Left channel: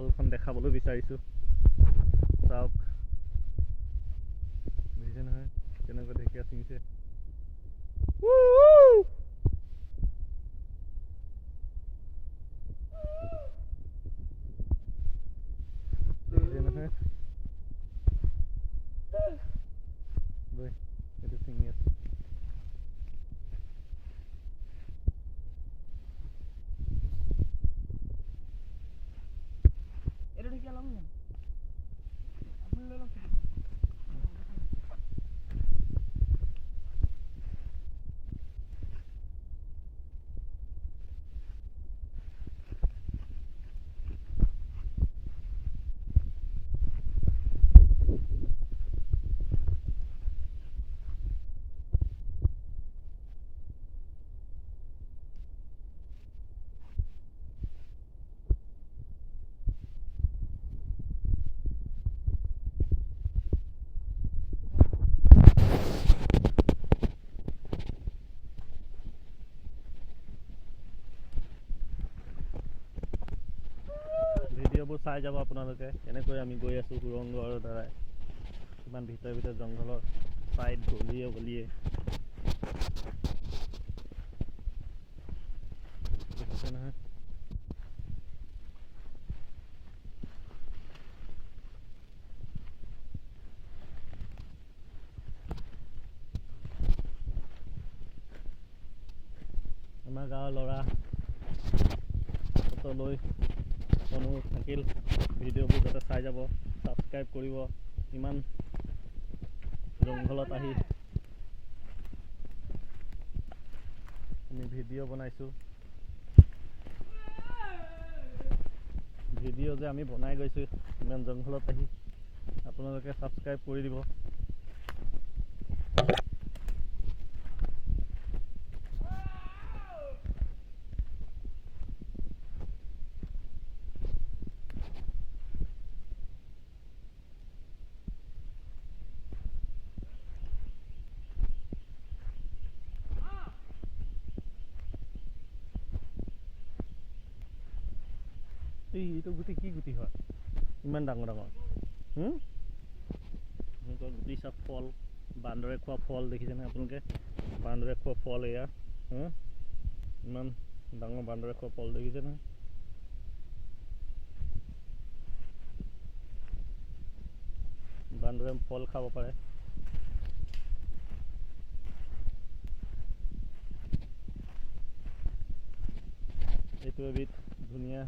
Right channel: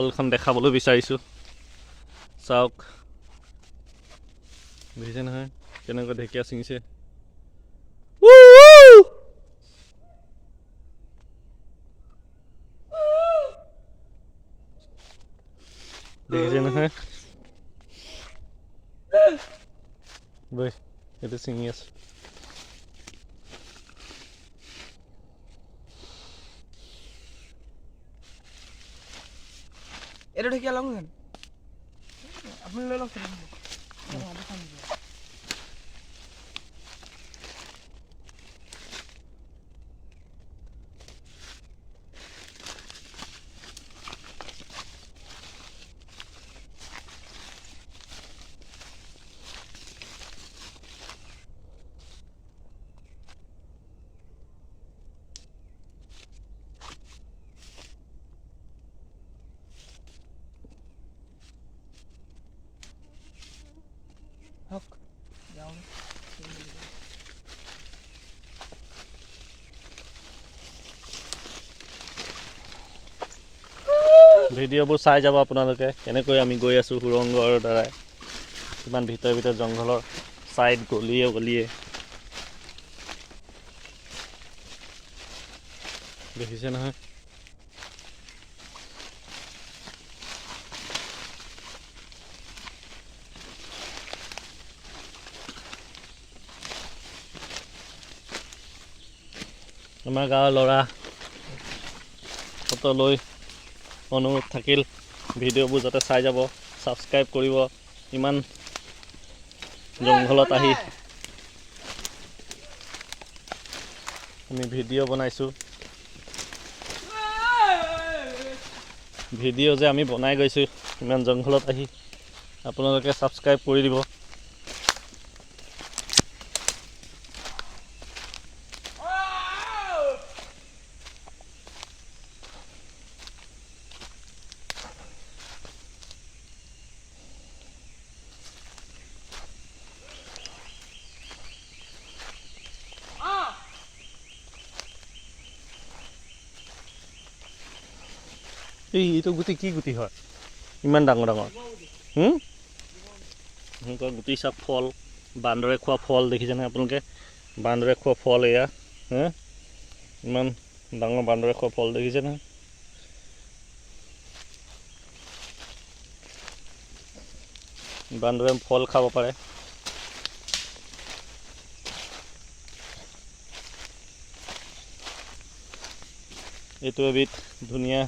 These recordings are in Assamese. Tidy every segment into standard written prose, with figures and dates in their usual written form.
ফলখন দেখাবলৈ বিচাৰিছোঁ। চাওক, দেখিছে নহয় কেনেকৈ ঢেকীয়া ছিঙিছে। দেখিছে নহয়, বৈ এইটো ছিঙি আছো। এটা ঢেকীয়া লওঁ যেন আপুনি লৈ লওক। ভিডিঅ'বোৰ চাই যাব আপোনালোকে, কেনেকৈ আমি গৈ আছোঁ সুৰংগৰ দ্বাৰাই, কিমান ভিতৰে জংঘলৰ ছাইড গলিয়ে গলিয়ে। দেখিছে নহয়, আমাৰ গাঁৱৰ ল'ৰা ফটোলৈ অনুৰোধ থাকিল, ভিডিঅ'বোৰ যাতে চাই যাব, ছাবস্ক্ৰাইব কৰিব। ইমান জংঘলত আহি আমি ভিডিঅ' বনাইছোঁ। ভিডিঅ' যে আমি বনাই গৈছোঁ ইমান জংঘলত আহি, আপোনালোকে ছাবস্ক্ৰাইব কৰি দিব। এইটো গুটি কি গুটি হয় ইমান ডাঙৰ ডাঙৰ? এনেকুৱা গুটি চাপ ফল, বান্দৰে খোৱা ফল দেখিছেনে আপোনালোকে? বান্দৰে খোৱা ফল এয়া, ইমান ডাঙৰ বান্দৰে খোৱা ফল দেখিছে নহয়? বান্দৰে ফল খাব পাৰে। এইটো এবিধ ধুনীয়া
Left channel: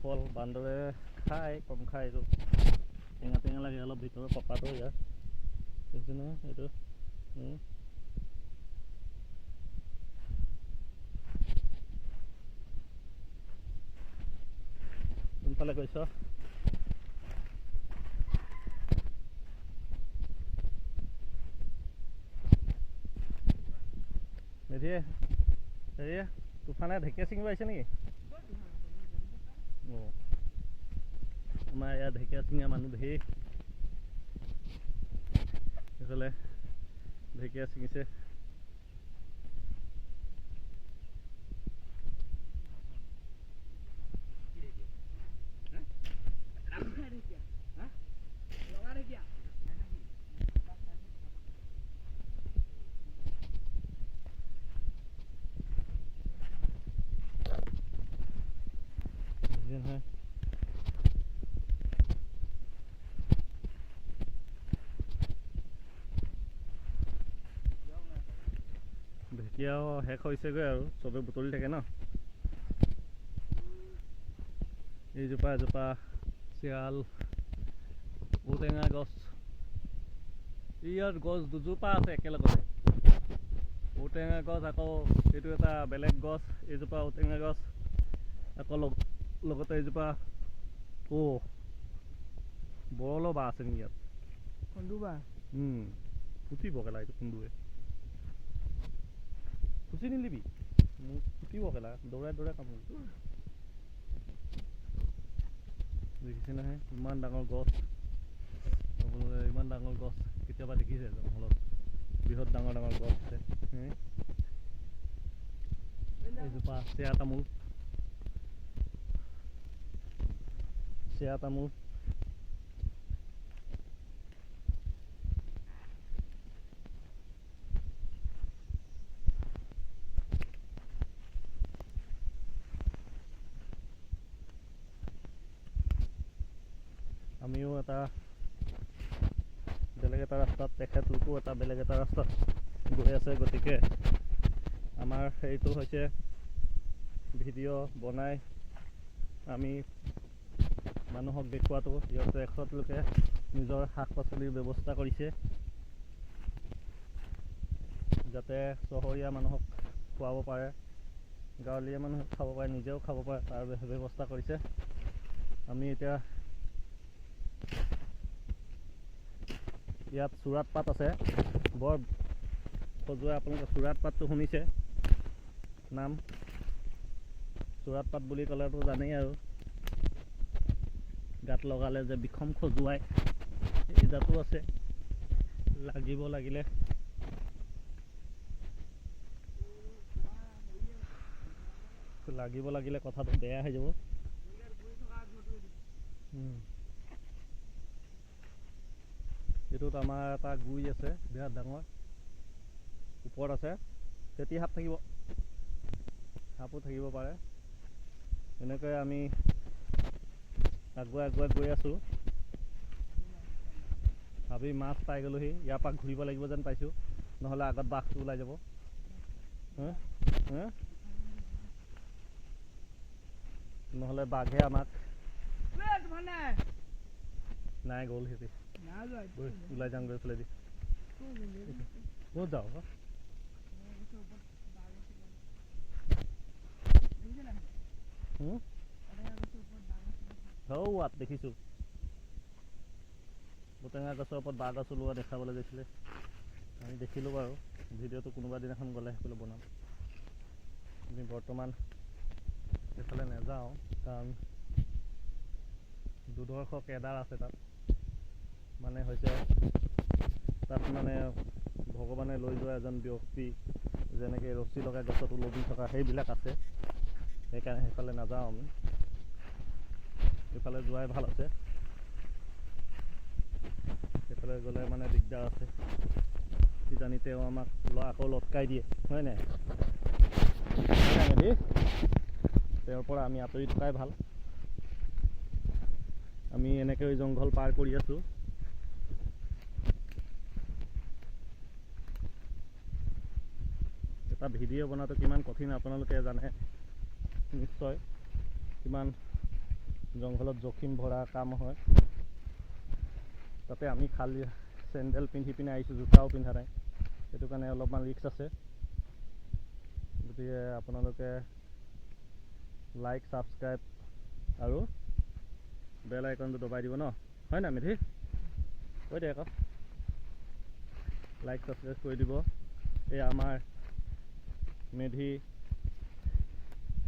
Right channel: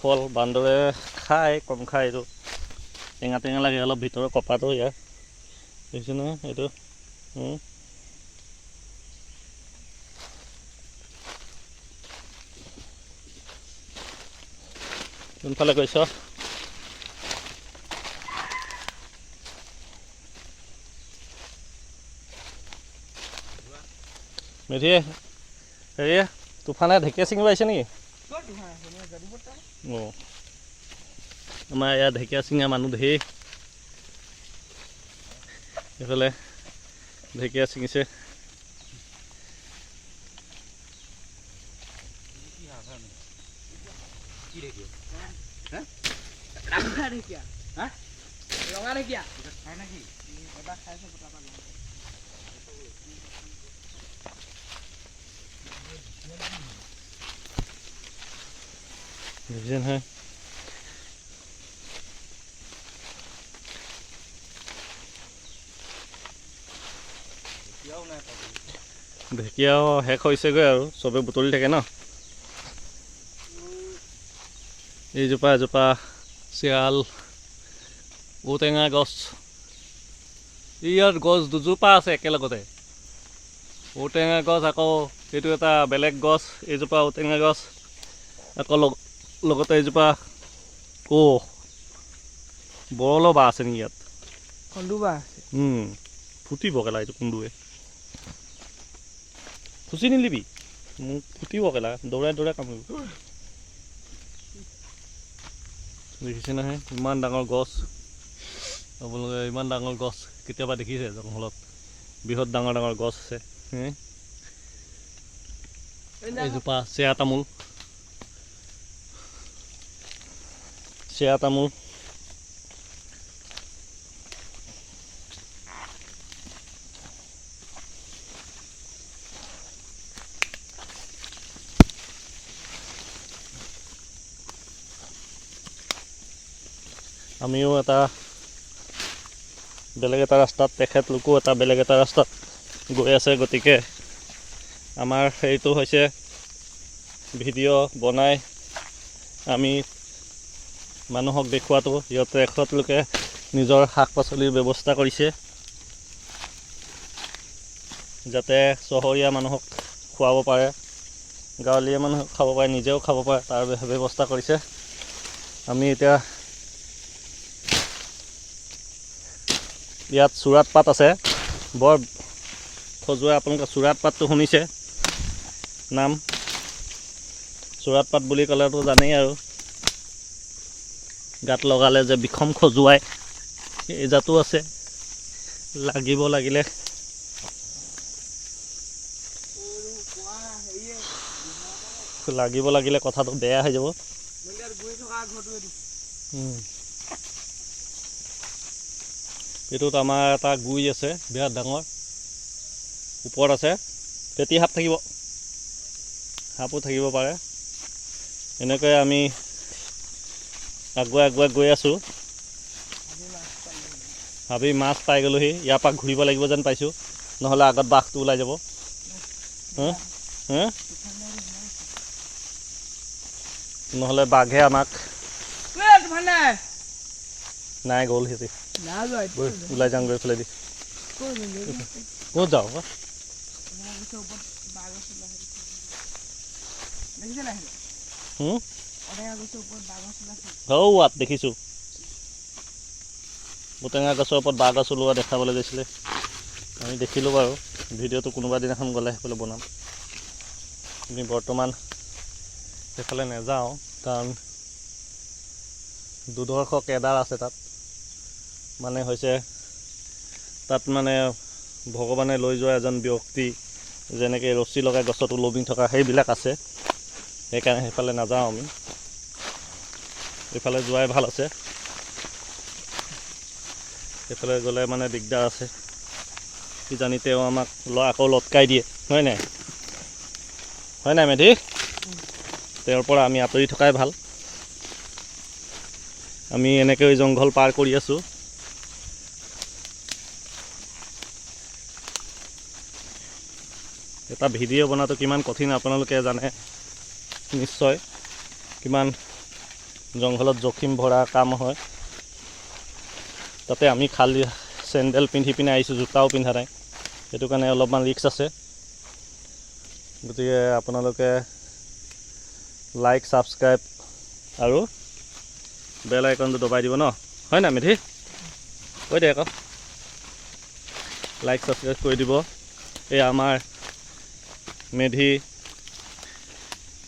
ফল, বান্দৰে খায়, কম খায়। এইটো টেঙা টেঙা লাগে অলপ, ভিতৰৰ কপাটো ইয়াৰ দেখিছে নহয় এইটো। কোনফালে গৈছ? মেধিয়ে হেৰিয়ে তুফানে ঢেকীয়া ছিঙিব আহিছে নেকি? অঁ, আমাৰ ইয়াত ঢেকীয়া ছিঙা মানুহ ধেৰ, এইফালে ঢেকীয়া ছিঙিছে। বুজিছে নহয়, ঢেকীয়াও শেষ হৈছেগৈ আৰু চবে বুটলি থাকে ন। এইজোপা এজোপা চিয়াল ঔটেঙা গছ, ইয়াত গছ দুজোপা আছে একেলগতে। ঔটেঙা গছ, আকৌ এইটো এটা বেলেগ গছ, এইজোপা ঔটেঙা গছ, আকৌ লগতে এইজোপা বৰলৰ বাঁহ আছে নেকি ইয়াত? কন্দু বাঁহ আছে। ফুটিব কেলা এইটো কুন্দুৱে, খুচি নিলিবি, মোক ফুটিব কেলা, দৌৰাই দৌৰাই কামুৰিব। দেখিছে নহয় ইমান ডাঙৰ গছ, আপোনালোকে ইমান ডাঙৰ গছ কেতিয়াবা দেখিছে জংঘলত? বৃহৎ ডাঙৰ ডাঙৰ গছ আছে। এইজোপা চেয়া তামোল, চেয়া তামোল আমিও এটা বেলেগ এটা ৰাস্তাত তেখেতলোকো এটা বেলেগ এটা ৰাস্তাত গৈ আছে গতিকে আমাৰ সেইটো হৈছে ভিডিঅ' বনাই আমি মানুহক দেখুৱাটো ইহঁতে তেখেতলোকে নিজৰ শাক পাচলিৰ ব্যৱস্থা কৰিছে যাতে চহৰীয়া মানুহক খুৱাব পাৰে গাঁৱলীয়া মানুহক খাব পাৰে নিজেও খাব পাৰে তাৰ ব্যৱস্থা কৰিছে আমি এতিয়া ইয়াত চুৰাত পাত আছে বৰ খজুৱাই আপোনালোকে চুৰাত পাতটো শুনিছে নাম চুৰাত পাত বুলি ক'লেতো জানেই আৰু গাত লগালে যে বিষম খজুৱাই এই জাতো আছে লাগিব লাগিলে কথাটো বেয়া হৈ যাব এইটোত আমাৰ এটা গুই আছে বিৰাট ডাঙৰ ওপৰত আছে পেটি সাপ থাকিব সাপো থাকিব পাৰে এনেকৈ আমি আগুৱাই গৈ আছোঁ ভাবি মাছ পাই গ'লোহি ইয়াৰ পৰা ঘূৰিব লাগিব যেন পাইছোঁ নহ'লে আগত বাঘটো ওলাই যাব নহ'লে বাঘে আমাক নাই গ'ল সিহঁতি ওলাই যাওঁ গৈ পেলাই দি ক'ত যাওঁ আত দেখিছোঁ ঔটেঙা গছৰ ওপৰত বাঘ গছ ওলোৱা দেখাবলৈ গৈছিলে আমি দেখিলোঁ বাৰু ভিডিঅ'টো কোনোবা দিনাখন গ'লে সেইফালে বনাম আমি বৰ্তমান সেইফালে নাযাওঁ কাৰণ দুদৰ্শ কেদাৰ আছে তাত মানে হৈছে তাত মানে ভগৱানে লৈ যোৱা এজন ব্যক্তি যেনেকৈ ৰছী লগাই গছত ওলমি থকা সেইবিলাক আছে সেইকাৰণে সেইফালে নাযাওঁ আমি এইফালে যোৱাই ভাল আছে সেইফালে গ'লে মানে দিগদাৰ আছে কিজানি তেওঁ আমাক আকৌ লটকাই দিয়ে হয় নাই মেধি তেওঁৰ পৰা আমি আঁতৰি থকাই ভাল আমি এনেকৈ জংঘল পাৰ কৰি আছোঁ এটা ভিডিঅ' বনাটো কিমান কঠিন আপোনালোকে জানে নিশ্চয় কিমান জংঘলত জখিম ভৰা কাম হয় তাতে আমি খালী চেণ্ডেল পিন্ধি পিনে আহিছোঁ জোতাও পিন্ধা নাই সেইটো কাৰণে অলপমান ৰিস্ক আছে গতিকে আপোনালোকে লাইক ছাবস্ক্ৰাইব আৰু বেল আইকনটো দবাই দিব ন হয় নাই মেধি কৈ দে আকৌ লাইক ছাবস্ক্ৰাইব কৰি দিব এই আমাৰ মেধি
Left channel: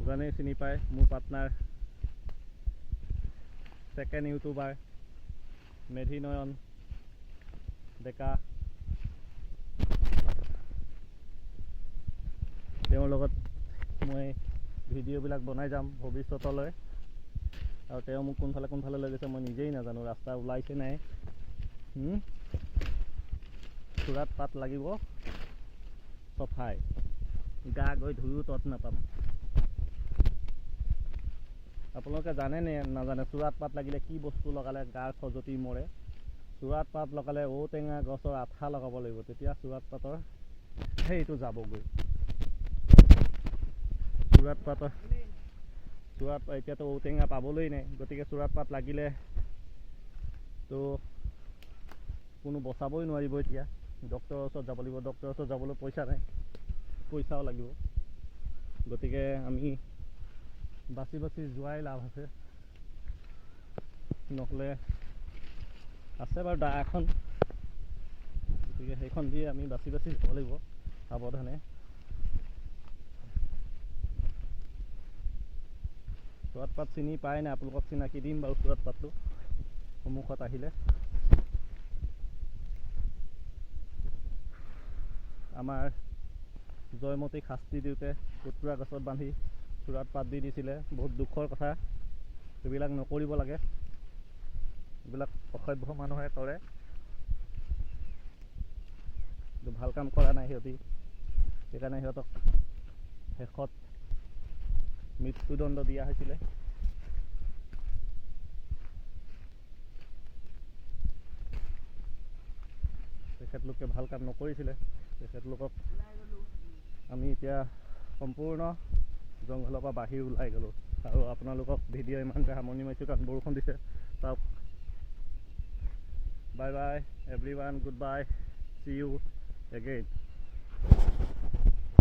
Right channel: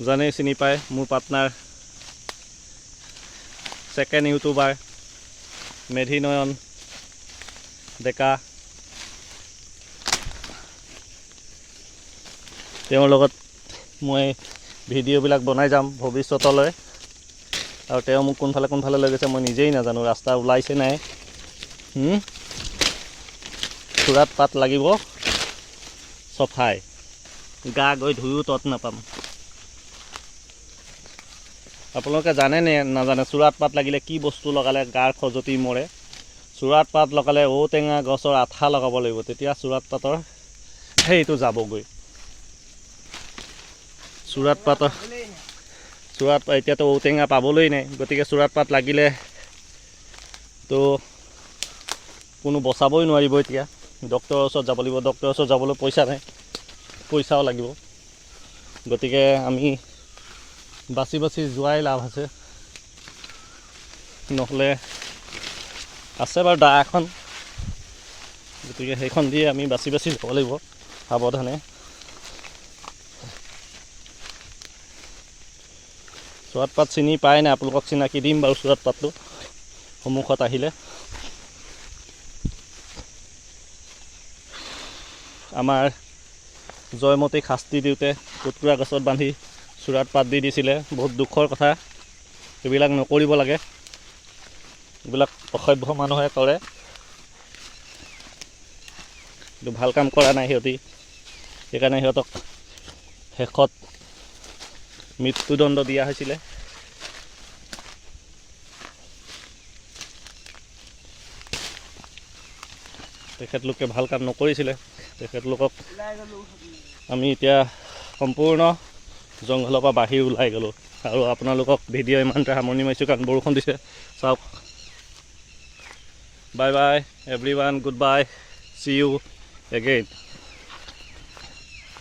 জানেই চিনি পায় মোৰ পাৰ্টনাৰ ছেকেণ্ড ইউটিউবাৰ মেধি নয়ন ডেকা তেওঁৰ লগত মই ভিডিঅ'বিলাক বনাই যাম ভৱিষ্যতলৈ আৰু তেওঁ মোক কোনফালে লৈ গৈছে মই নিজেই নাজানো ৰাস্তা ওলাইছে নাই চুৰাত পাত লাগিব চফাই গা গৈ ধুয়ো তত নাপাম আপোনালোকে জানে নে নাজানে চুৰাত পাত লাগিলে কি বস্তু লগালে গাৰ খজুৱতি মৰে চুৰাত পাত লগালে ঔটেঙা গছৰ আঠা লগাব লাগিব তেতিয়া চুৰাত পাতৰ সেইটো যাবগৈ চুৰাত এতিয়াতো ঔটেঙা পাবলৈ নাই গতিকে চুৰাত পাত লাগিলে তো কোনো বচাবই নোৱাৰিব এতিয়া ডক্টৰৰ ওচৰত যাব লাগিব ডক্টৰৰ ওচৰত যাবলৈ পইচা নাই পইচাও লাগিব গতিকে আমি বাচি যোৱাই লাভ আছে নহ'লে আছে বাৰু দা এখন গতিকে সেইখন দিয়ে আমি বাচি যাব লাগিব সাৱধানে চুৰাত পাত চিনি পায় নাই আপোনালোকক চিনাকি দিম বাৰু চুৰাত পাতটো সন্মুখত আহিলে আমাৰ জয়মতীক শাস্তি দিওঁতে কুটকুৰা গছত বান্ধি চুৰাত পাত দি দিছিলে বহুত দুখৰ কথা এইবিলাক নকৰিব লাগে এইবিলাক অসভ্য মানুহে কৰে, কিন্তু ভাল কাম কৰা নাই সিহঁতি, সেইকাৰণে সিহঁতক শেষত মৃত্যুদণ্ড দিয়া হৈছিলে। তেখেতলোকে ভাল কাম নকৰিছিলে। তেখেতলোকক আমি এতিয়া সম্পূৰ্ণ জংঘলৰ পৰা বাহিৰ ওলাই গ'লোঁ আৰু আপোনালোকক ভিডিঅ' ইমানতে সামৰণি মাৰিছোঁ কাৰণ বৰষুণ দিছে। চাওক, bye bye everyone, good bye, see you again.